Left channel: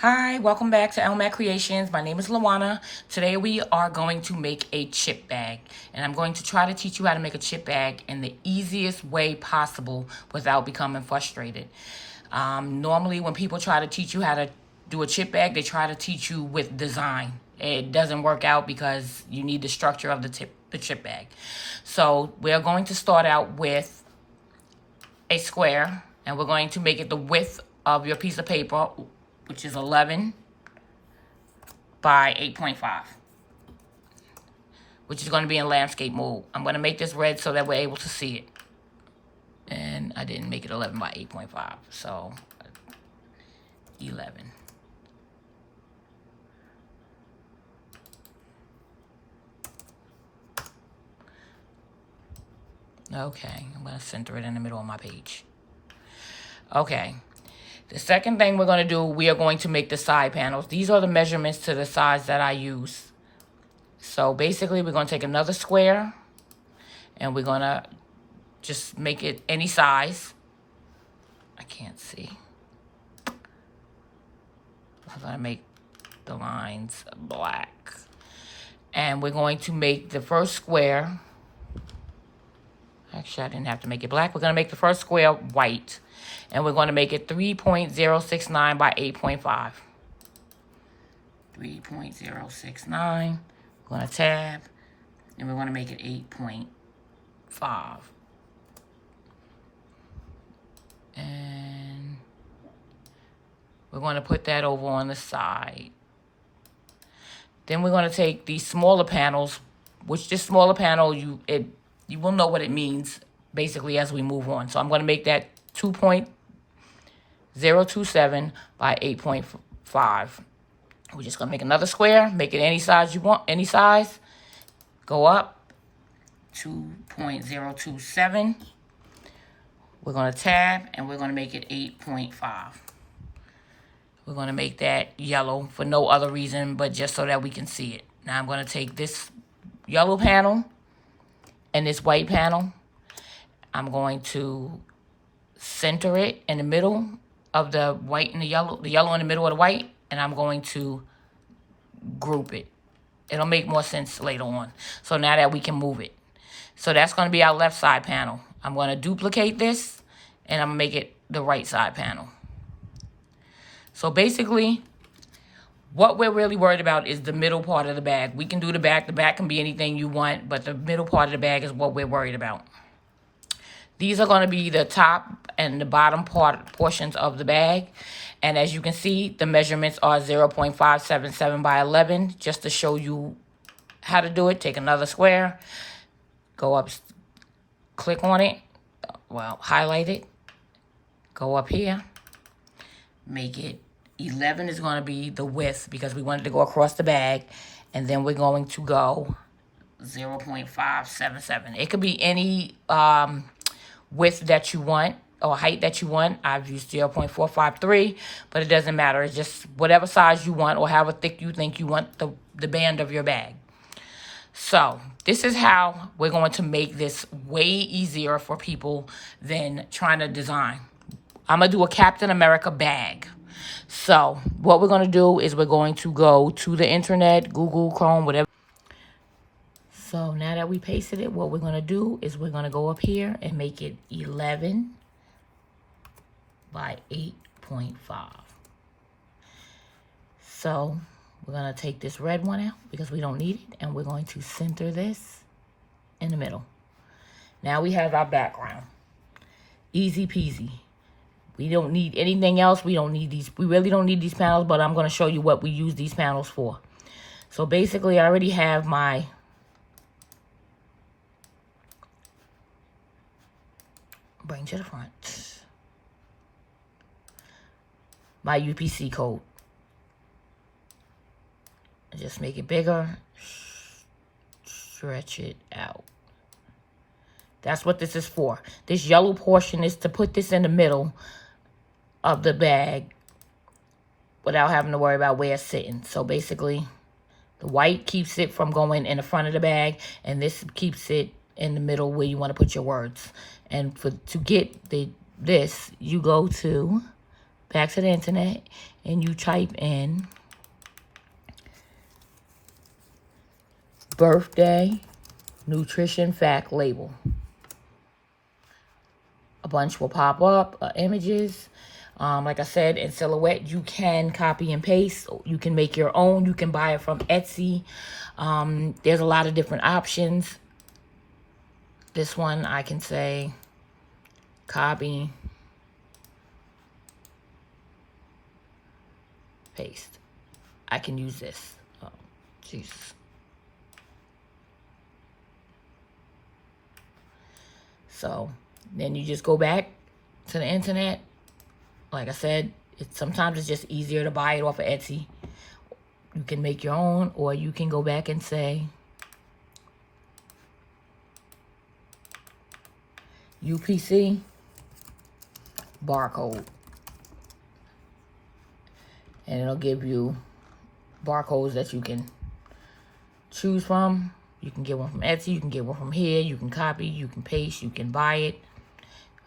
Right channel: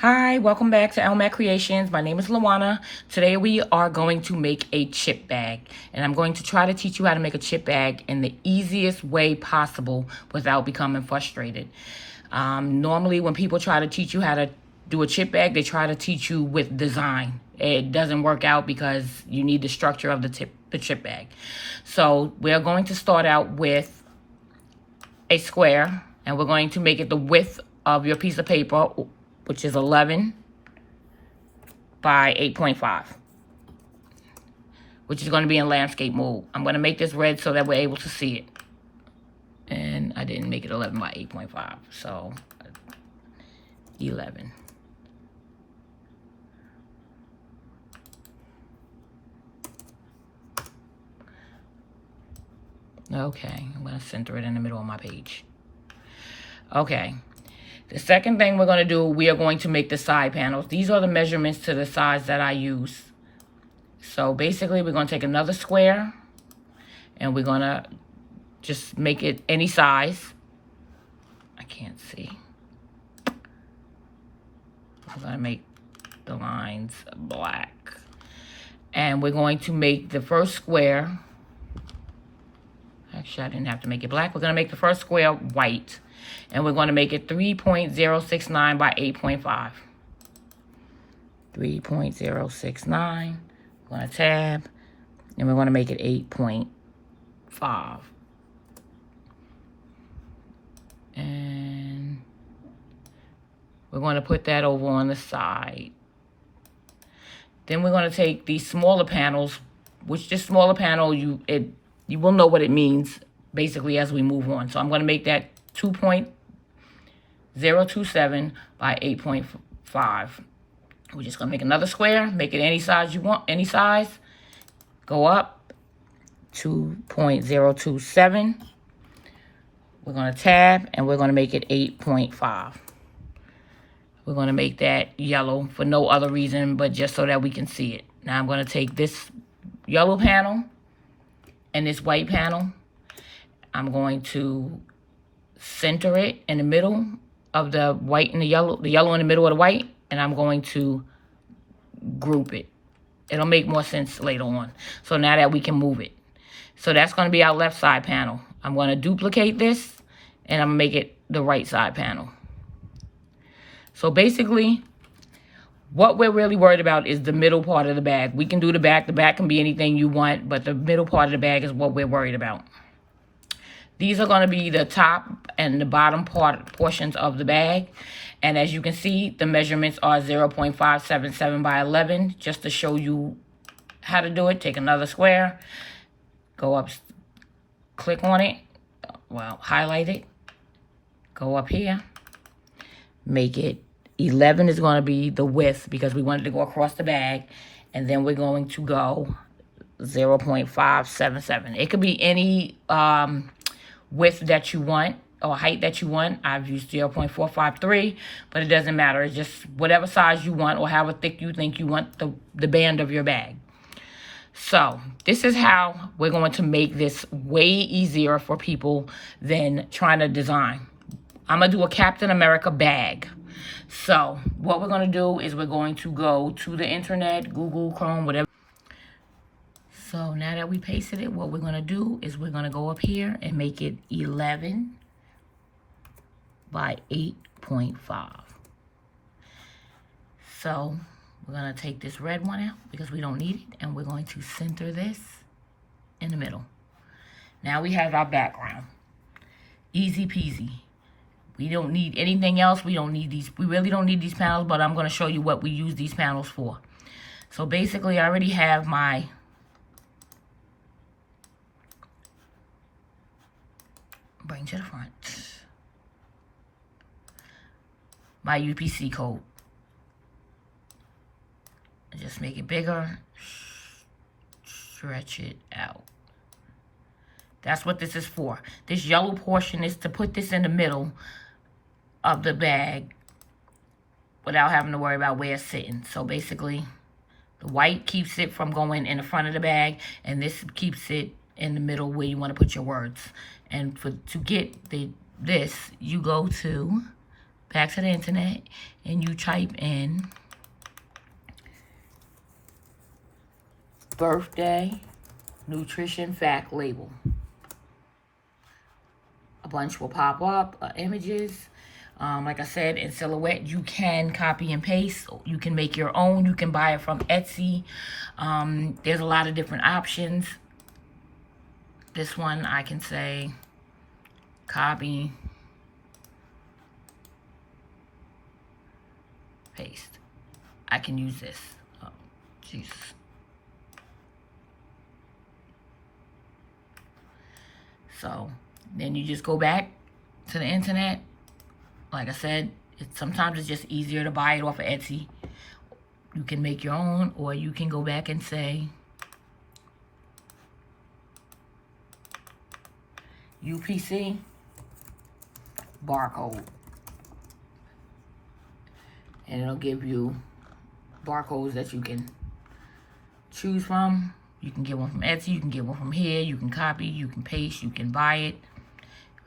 Hi, welcome back to Elmac Creations. My name is Lawana. Today we are going to make a chip bag, and I'm going to try to teach you how to make a chip bag in the easiest way possible without becoming frustrated. Normally when people try to teach you how to do a chip bag, they try to teach you with design. It doesn't work out because you need the structure of the chip bag. So we're going to start out with a square, and we're going to make it the width of your piece of paper, which is 11 by 8.5, which is going to be in landscape mode. I'm going to make this red so that we're able to see it. And I didn't make it 11 by 8.5, so 11. Okay, I'm going to center it in the middle of my page. Okay. The second thing we're going to do, we are going to make the side panels. These are the measurements to the size that I use. So basically, we're going to take another square, and we're going to just make it any size. I can't see. I'm going to make the lines black. And we're going to make the first square. Actually, I didn't have to make it black. We're going to make the first square white. And we're going to make it 3.069 by 8.5. 3.069. We're going to tab. And we're going to make it 8.5. And we're going to put that over on the side. Then we're going to take these smaller panels, which this smaller panel, you will know what it means basically as we move on. So I'm going to make that 2.027 by 8.5. We're just going to make another square, make it any size you want, any size. Go up, 2.027. We're going to tab, and we're going to make it 8.5. We're going to make that yellow for no other reason but just so that we can see it. Now I'm going to take this yellow panel and this white panel. I'm going to center it in the middle of the white and the yellow in the middle of the white, and I'm going to group it. It'll make more sense later on. So now that we can move it. So that's going to be our left side panel. I'm going to duplicate this, and I'm going to make it the right side panel. So basically, what we're really worried about is the middle part of the bag. We can do the back. The back can be anything you want, but the middle part of the bag is what we're worried about. These are going to be the top and the bottom portions of the bag. And as you can see, the measurements are 0.577 by 11. Just to show you how to do it, take another square, go up, click on it, well, highlight it, go up here, make it 11 is going to be the width because we wanted to go across the bag. And then we're going to go 0.577. It could be any width that you want or height that you want. I've used 0.453, but it doesn't matter. It's just whatever size you want or however thick you think you want the band of your bag. So this is how we're going to make this way easier for people than trying to design. I'm going to do a Captain America bag. So what we're going to do is we're going to go to the internet, Google, Chrome, whatever. So now that we pasted it, what we're going to do is we're going to go up here and make it 11 by 8.5. So we're going to take this red one out because we don't need it, and we're going to center this in the middle. Now we have our background. Easy peasy. We don't need anything else. We don't need these. We really don't need these panels, but I'm going to show you what we use these panels for. So basically, I already have my bring to the front. My UPC code. Just make it bigger. Stretch it out. That's what this is for. This yellow portion is to put this in the middle of the bag without having to worry about where it's sitting. So basically, the white keeps it from going in the front of the bag, and this keeps it in the middle where you want to put your words. And to get this, you go to back to the internet and you type in birthday nutrition fact label. A bunch will pop up, images. Like I said, in Silhouette, you can copy and paste. You can make your own. You can buy it from Etsy. There's a lot of different options. This one, I can say, copy, paste. I can use this. Oh, Jesus. So, then you just go back to the internet. Like I said, sometimes it's just easier to buy it off of Etsy. You can make your own, or you can go back and say UPC barcode. And it'll give you barcodes that you can choose from. You can get one from Etsy, you can get one from here, you can copy, you can paste, you can buy it.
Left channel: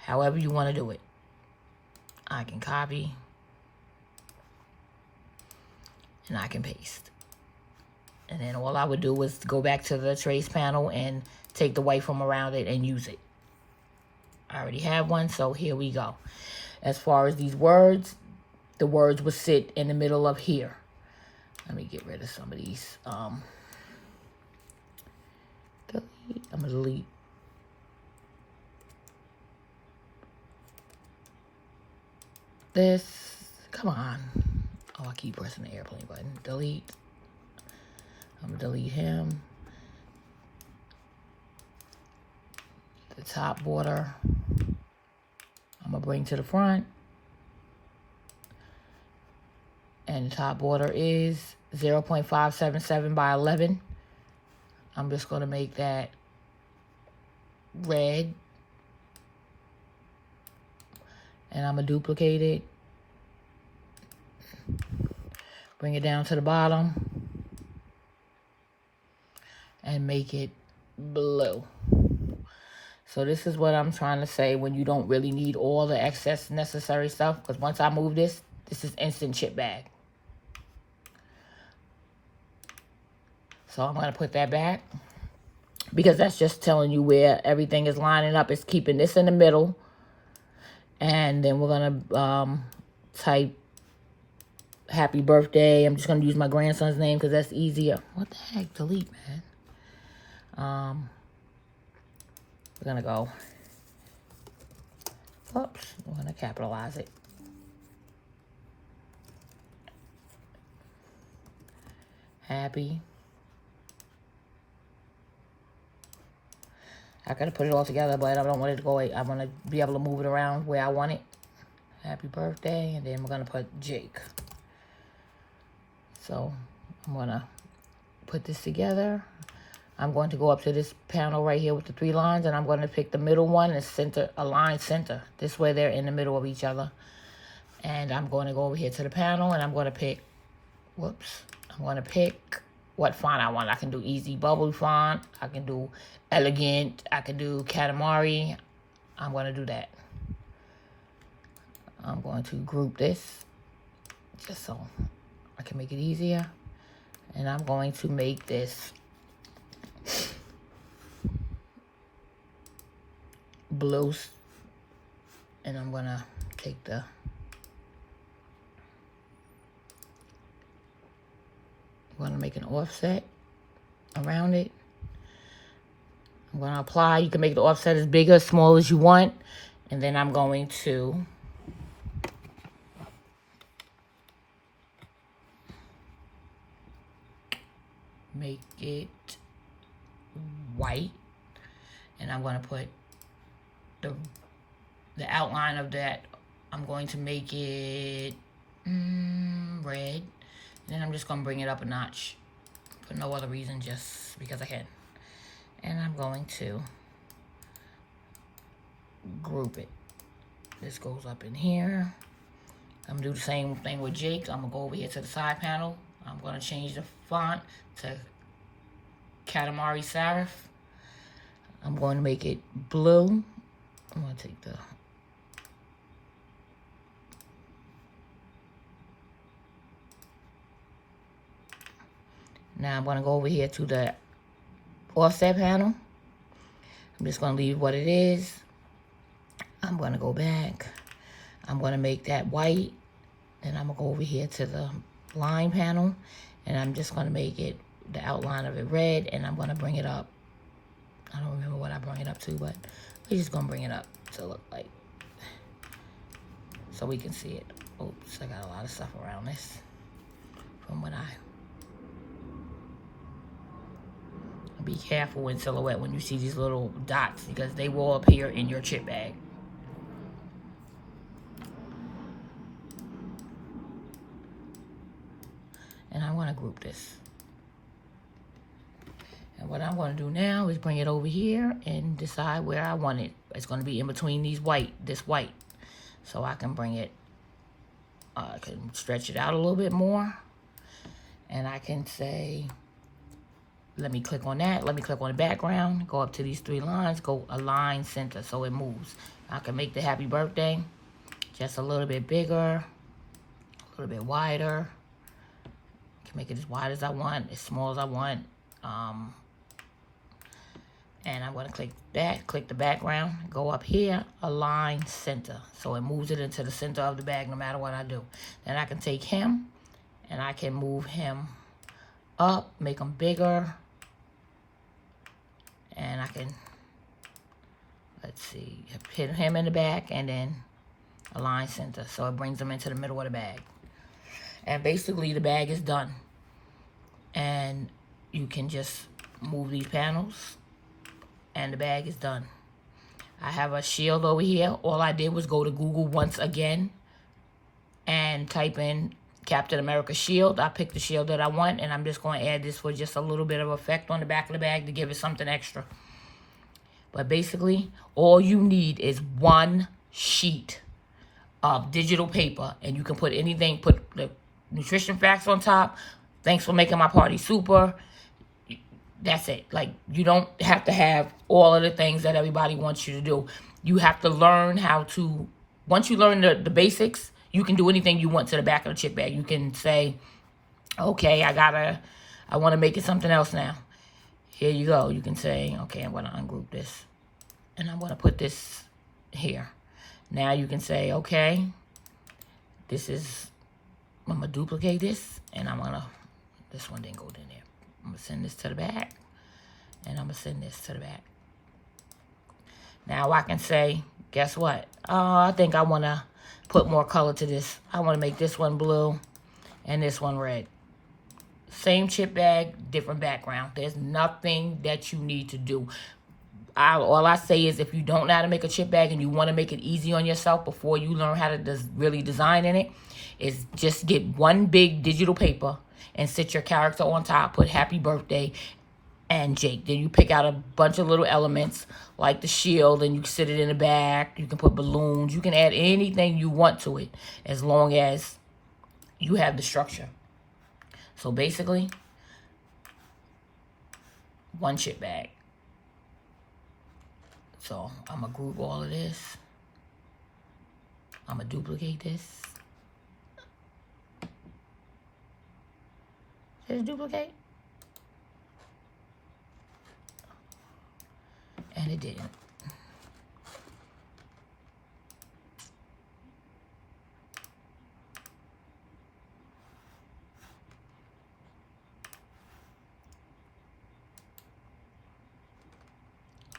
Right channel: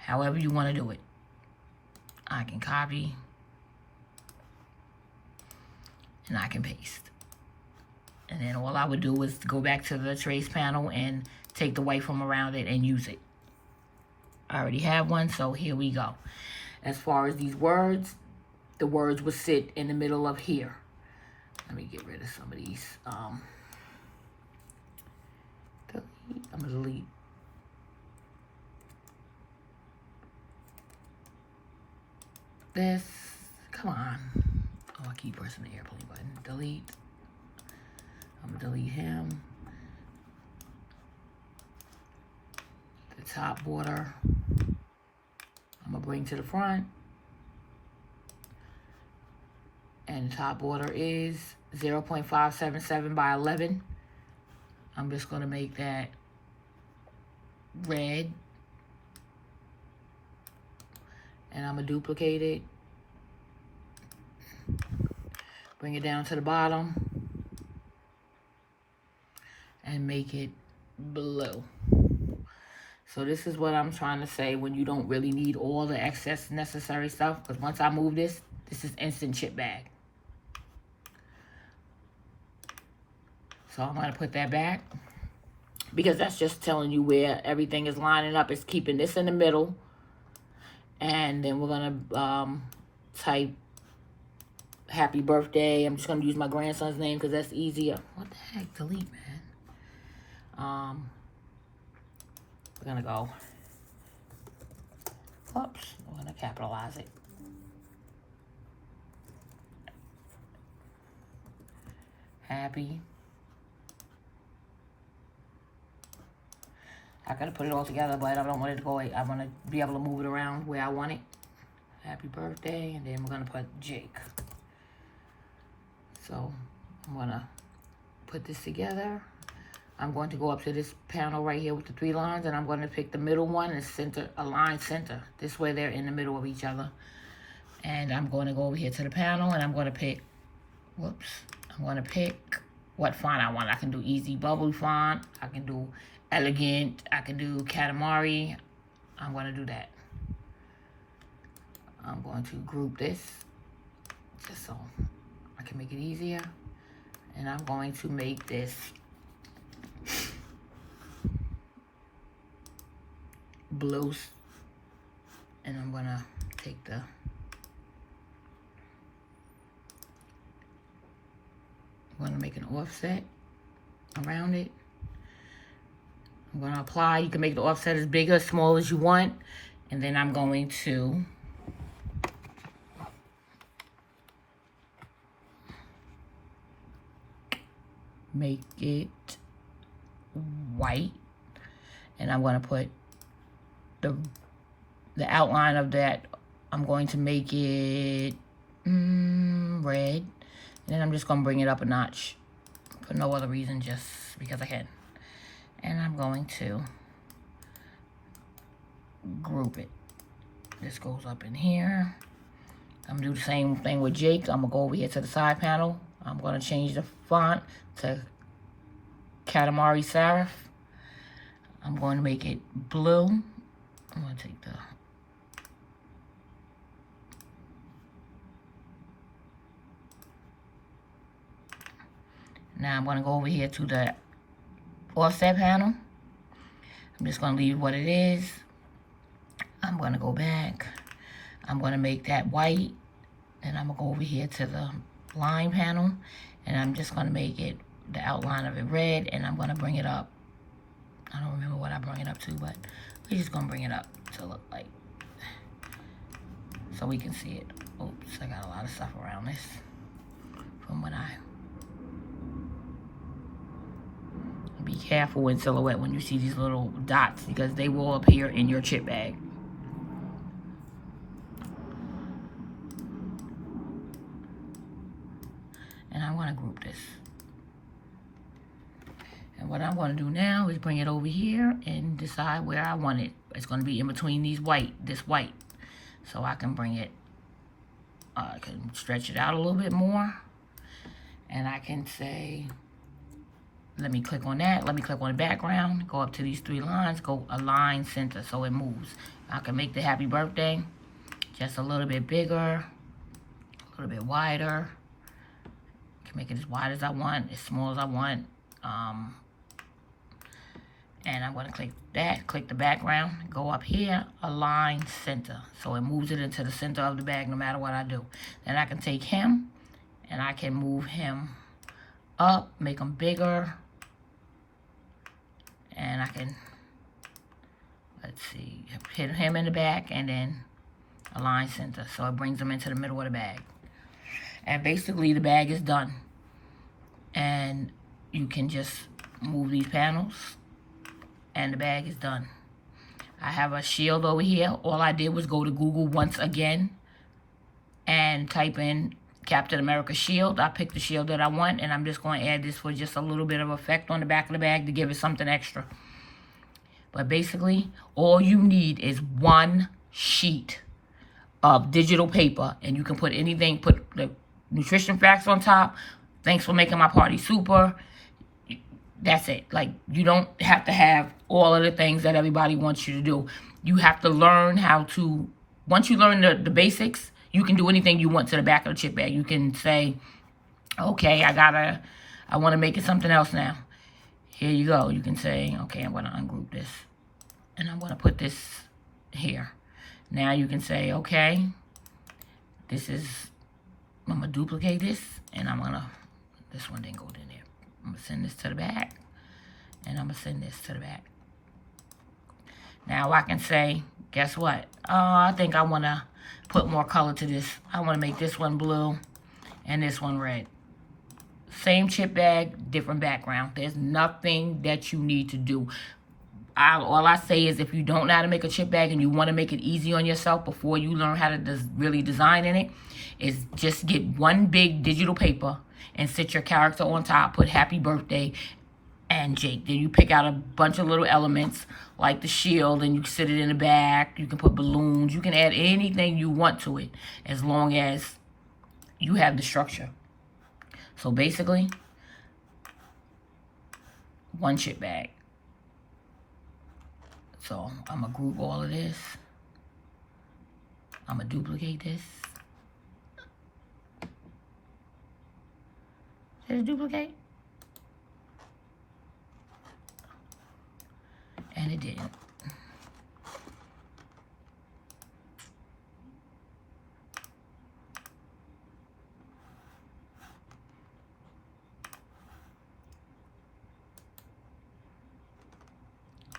However you want to do it. I can copy and I can paste. And then all I would do is go back to the trace panel and take the white from around it and use it. I already have one, so here we go. As far as these words, the words would sit in the middle of here. Let me get rid of some of these. Delete. I'm gonna delete. This, come on. Oh, I keep pressing the airplane button. Delete. I'm gonna delete him. The top border, I'm gonna bring to the front. And the top border is 0.577 by 11. I'm just gonna make that red. And I'm gonna duplicate it. Bring it down to the bottom. And make it blue. So this is what I'm trying to say when you don't really need all the excess necessary stuff. Because once I move this, this is instant chip bag. So I'm gonna put that back. Because that's just telling you where everything is lining up. It's keeping this in the middle. And then we're gonna type happy birthday. I'm just gonna use my grandson's name because that's easier. What the heck? Delete, man. We're gonna go. Oops. We're gonna capitalize it. Happy. I gotta put it all together, but I don't want it to go away. I want to be able to move it around where I want it. Happy birthday, and then we're gonna put Jake. So I'm gonna put this together. I'm going to go up to this panel right here with the 3 lines, and I'm going to pick the middle one and center, align center. This way they're in the middle of each other. And I'm going to go over here to the panel, and I'm going to pick, whoops, I'm going to pick what font I want. I can do Easy Bubble font. I can do Elegant. I can do Katamari. I'm going to do that. I'm going to group this just so I can make it easier. And I'm going to make this blue. And I'm going to take the I'm going to make an offset around it. I'm going to apply. You can make the offset as big or small as you want. And then I'm going to make it white. And I'm going to put the outline of that. I'm going to make it red. And then I'm just going to bring it up a notch for no other reason, just because I can. And I'm going to group it. This goes up in here. I'm going to do the same thing with Jake. I'm going to go over here to the side panel. I'm going to change the font to Katamari Serif. I'm going to make it blue. I'm going to take the Now I'm going to go over here to the offset panel. I'm just going to leave what it is. I'm going to go back. I'm going to make that white. And I'm going to go over here to the line panel. And I'm just going to make it, the outline of it red. And I'm going to bring it up. I don't remember what I bring it up to, but we're just going to bring it up to look like, so we can see it. Oops, I got a lot of stuff around this from when be careful in Silhouette when you see these little dots, because they will appear in your chip bag. And I want to group this. And what I'm going to do now is bring it over here and decide where I want it. It's going to be in between these this white. So I can bring it, I can stretch it out a little bit more. And I can say, let me click on that. Let me click on the background. Go up to these 3 lines. Go align center so it moves. I can make the happy birthday just a little bit bigger, a little bit wider. I can make it as wide as I want, as small as I want. And I'm going to click that, click the background, go up here, align center. So it moves it into the center of the bag no matter what I do. Then I can take him and I can move him up, make him bigger. And I can, let's see, hit him in the back and then align center. So it brings him into the middle of the bag. And basically the bag is done. And you can just move these panels and the bag is done. I have a shield over here. All I did was go to Google once again and type in Captain America shield. I picked the shield that I want, and I'm just going to add this for just a little bit of effect on the back of the bag to give it something extra. But basically, all you need is 1 sheet of digital paper, and you can put anything, put the nutrition facts on top. Thanks for making my party super. That's it. Like, you don't have to have all of the things that everybody wants you to do. You have to learn how to, once you learn the basics, you can do anything you want to the back of the chip bag. You can say, okay, I want to make it something else now. Here you go. You can say, okay, I'm going to ungroup this. And I'm going to put this here. Now you can say, okay, I'm going to duplicate this. And this one didn't go in there. I'm going to send this to the back. And I'm going to send this to the back. Now I can say, guess what? I think I want to put more color to this. I want to make this one blue and this one red. Same chip bag, different background. There's nothing that you need to do. All I say is, if you don't know how to make a chip bag and you want to make it easy on yourself before you learn how to really design in it, is just get 1 big digital paper and sit your character on top, put happy birthday and Jake. Then you pick out a bunch of little elements like the shield and you sit it in the back. You can put balloons. You can add anything you want to it as long as you have the structure. So basically, 1 chip bag. So I'm going to group all of this. I'm going to duplicate this. Did it duplicate? And it didn't.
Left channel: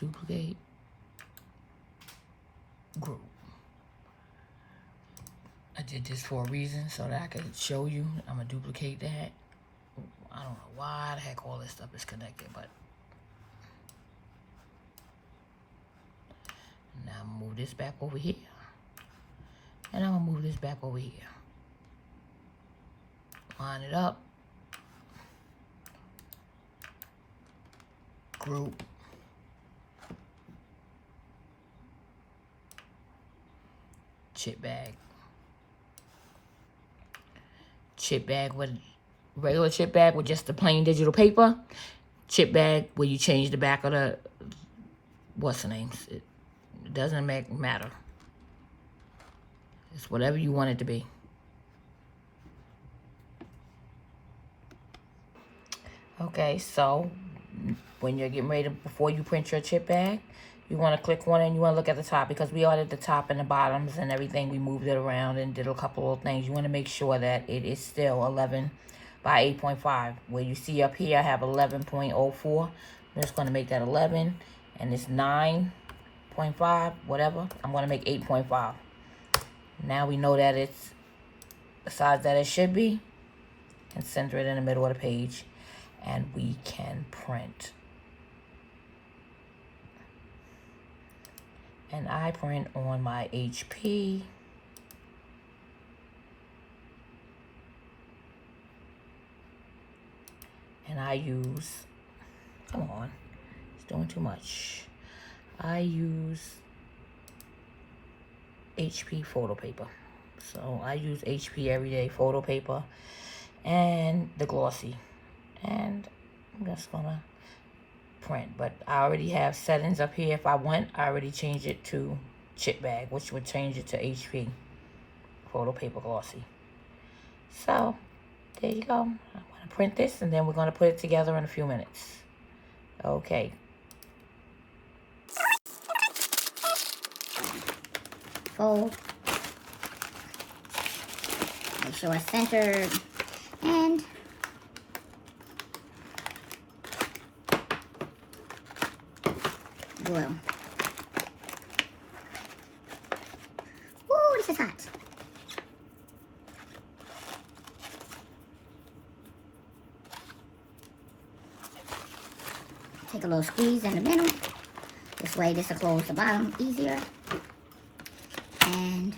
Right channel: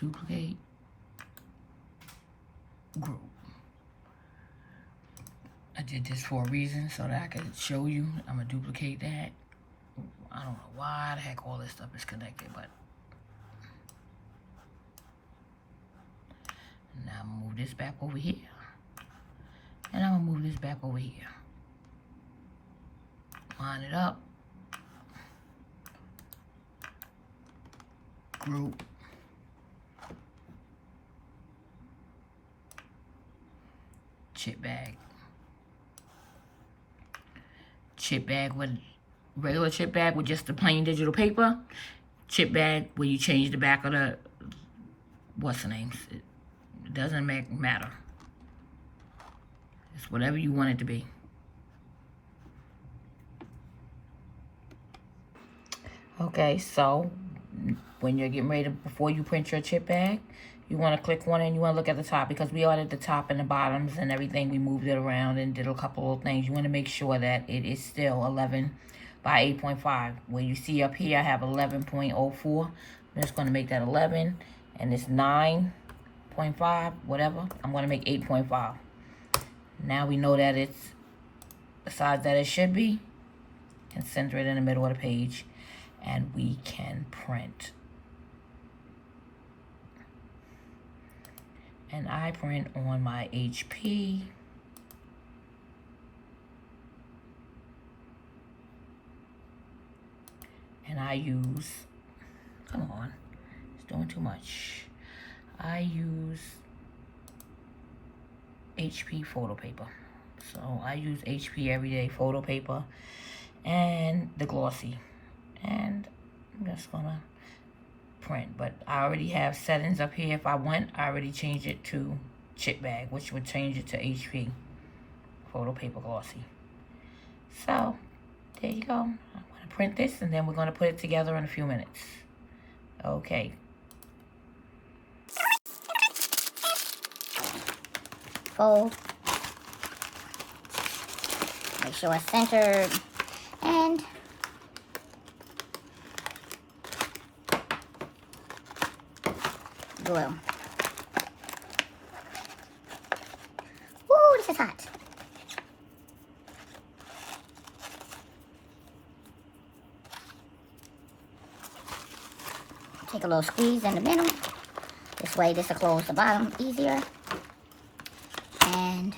Duplicate. Group. I did this for a reason so that I could show you. I'm going to duplicate that. I don't know why the heck all this stuff is connected, but now I'm going to move this back over here. And I'm going to move this back over here. Line it up. Group. Chip bag. Chip bag with regular chip bag with just the plain digital paper. Chip bag where you change the back of the, what's the name? It doesn't matter. It's whatever you want it to be. Okay, so when you're getting ready to, before you print your chip bag, you want to click one and you want to look at the top, because we ordered the top and the bottoms and everything. We moved it around and did a couple of things. You want to make sure that it is still 11 by 8.5. Where you see up here, I have 11.04. I'm just going to make that 11, and it's 9.5, whatever. I'm going to make 8.5. Now we know that it's the size that it should be, and center it in the middle of the page, and we can print. And I print on my HP. And I use, come on, it's doing too much. I use HP photo paper. So I use HP Everyday Photo Paper and the glossy. And I'm just gonna print, but I already have settings up here. If I want, I already changed it to chip bag, which would change it to HP photo paper glossy. So there you go. I'm gonna print this, and then we're gonna put it together in a few minutes. Okay. Fold. Make sure it's centered, and glue. Ooh, this is hot. Take a little squeeze in the middle. This way this will close the bottom easier. And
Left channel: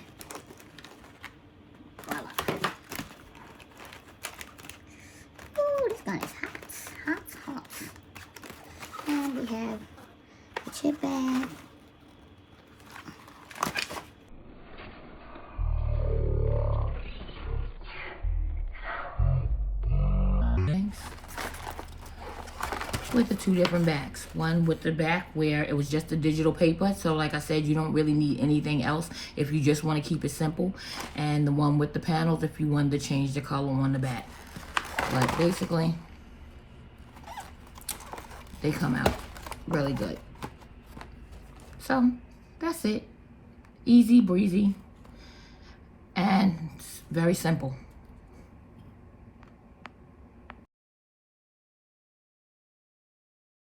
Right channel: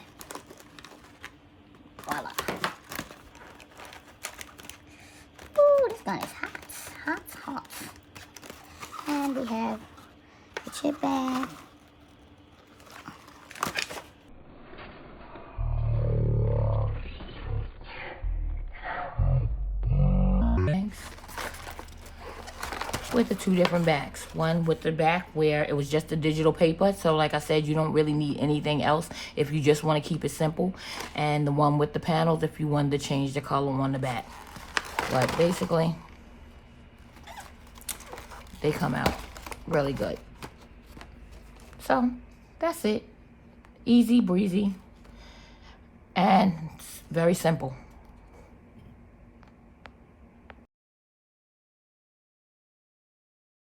voila. Ooh, this gun is hot. Hot. And we have the chip bag. With the two different backs. One with the back where it was just the digital paper. So like I said, you don't really need anything else if you just want to keep it simple. And the one with the panels if you wanted to change the color on the back. But basically, they come out really good. So that's it. Easy breezy. And it's very simple.